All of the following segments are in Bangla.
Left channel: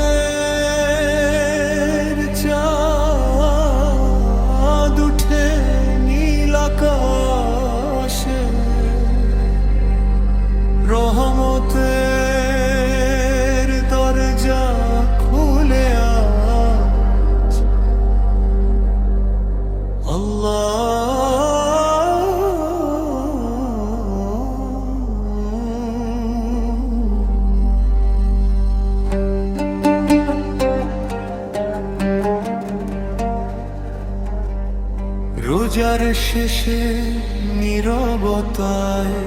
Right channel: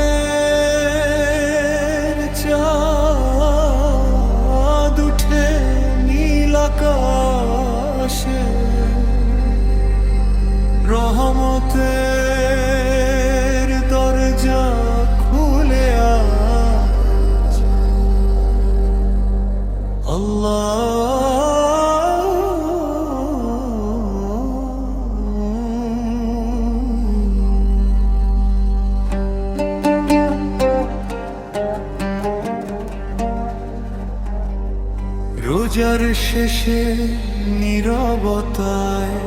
রহমতের চাঁদ উঠে নীল আকাশে, রহমতের দরজা খুলে আজ আল্লাহ রোজার শেষে নীরবতায়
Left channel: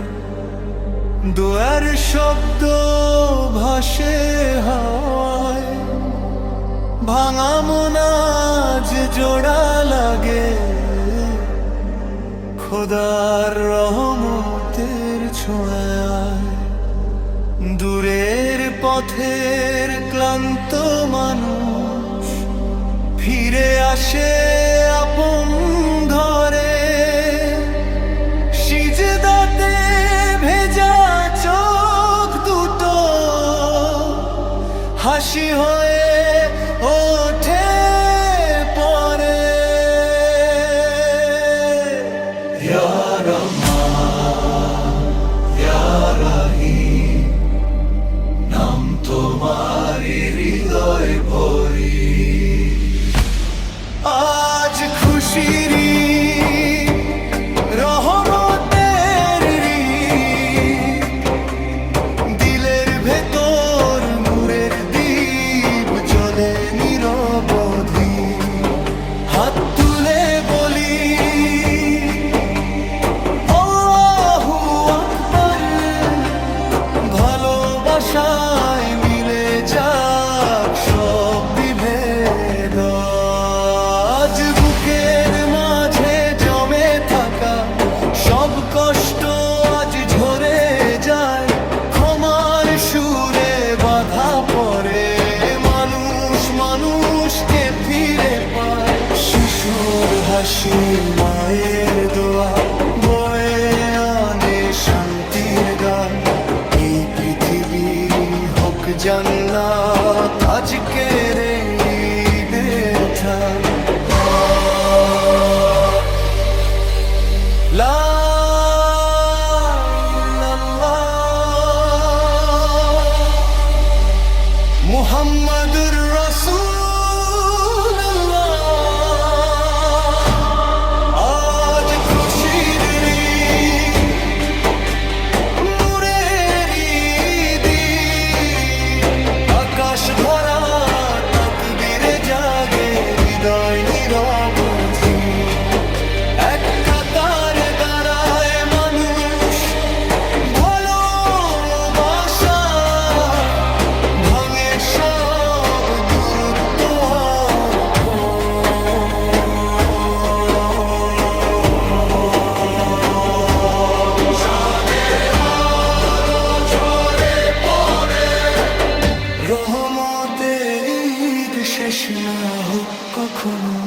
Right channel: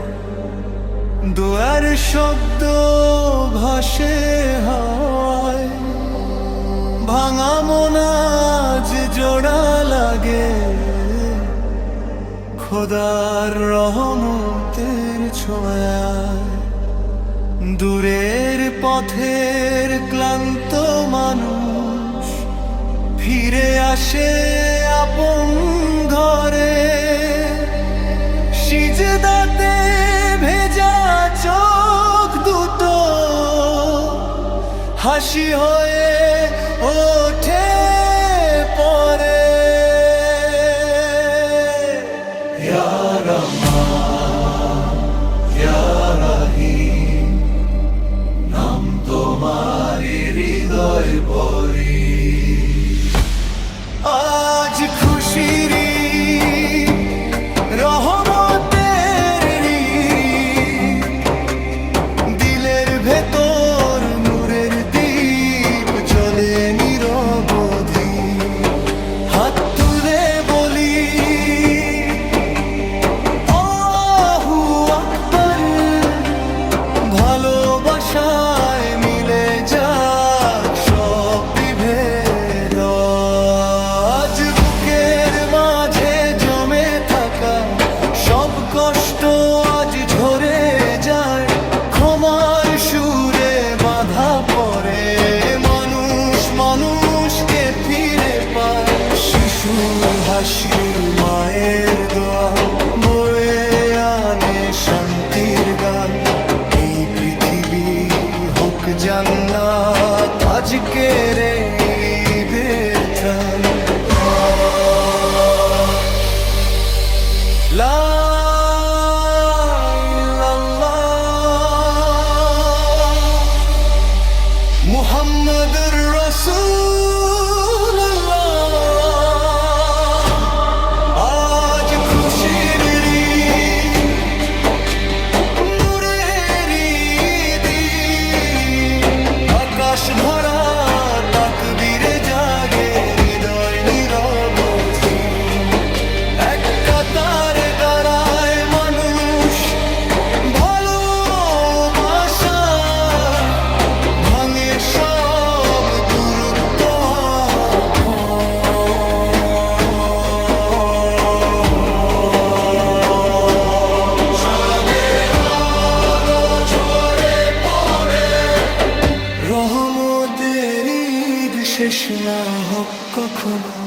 দোয়ার শব্দ ভাসে হাওয়ায়, ভাঙা মোনাজ জোড়া লাগে খোদার রহমতের ছোঁয়ায়। দূরের পথের ক্লান্ত মানুষ ফিরে আসে আপন ঘরে, সিজদাতে ভেজা চোখ দুটো হাসি হয়ে ওঠে পরে। ইয়া রহমান ইয়া রহিম, নাম তোমারি হৃদয় ভরি। আজ খুশির রহমতের দিলের ভেতর নূরের দীপ জ্বলে নিরবধি। হাত তুলে বলি আল্লাহু আকবার, ভালোবাসায় মিলে যাক সব বিভেদ। আজ বুকের মাঝে জমে থাকা সব কষ্ট আজ ঝরে যায়, ক্ষমার সুরে বাঁধা পড়ে মানুষ মানুষকে ফিরে পায়। শিশুর হাসি মায়ের দোয়া বয়ে আনে শান্তির গান। এই পৃথিবী হোক জান্নাত আজকের এই বেরথান। লা ইল্লাল্লাহ মুহাম্মাদুর রাসূলুল্লাহ। আজ খুশির নূরের দিন, আকাশ ভরা তাকবীরে জাগে হৃদয় নীরবধি। এক কাতারে দাঁড়ায় মানুষ ভালোবাসায়, ভাঙে সব দূরত্ব। রহমতের ঈদ শেষ না হোক কখনো।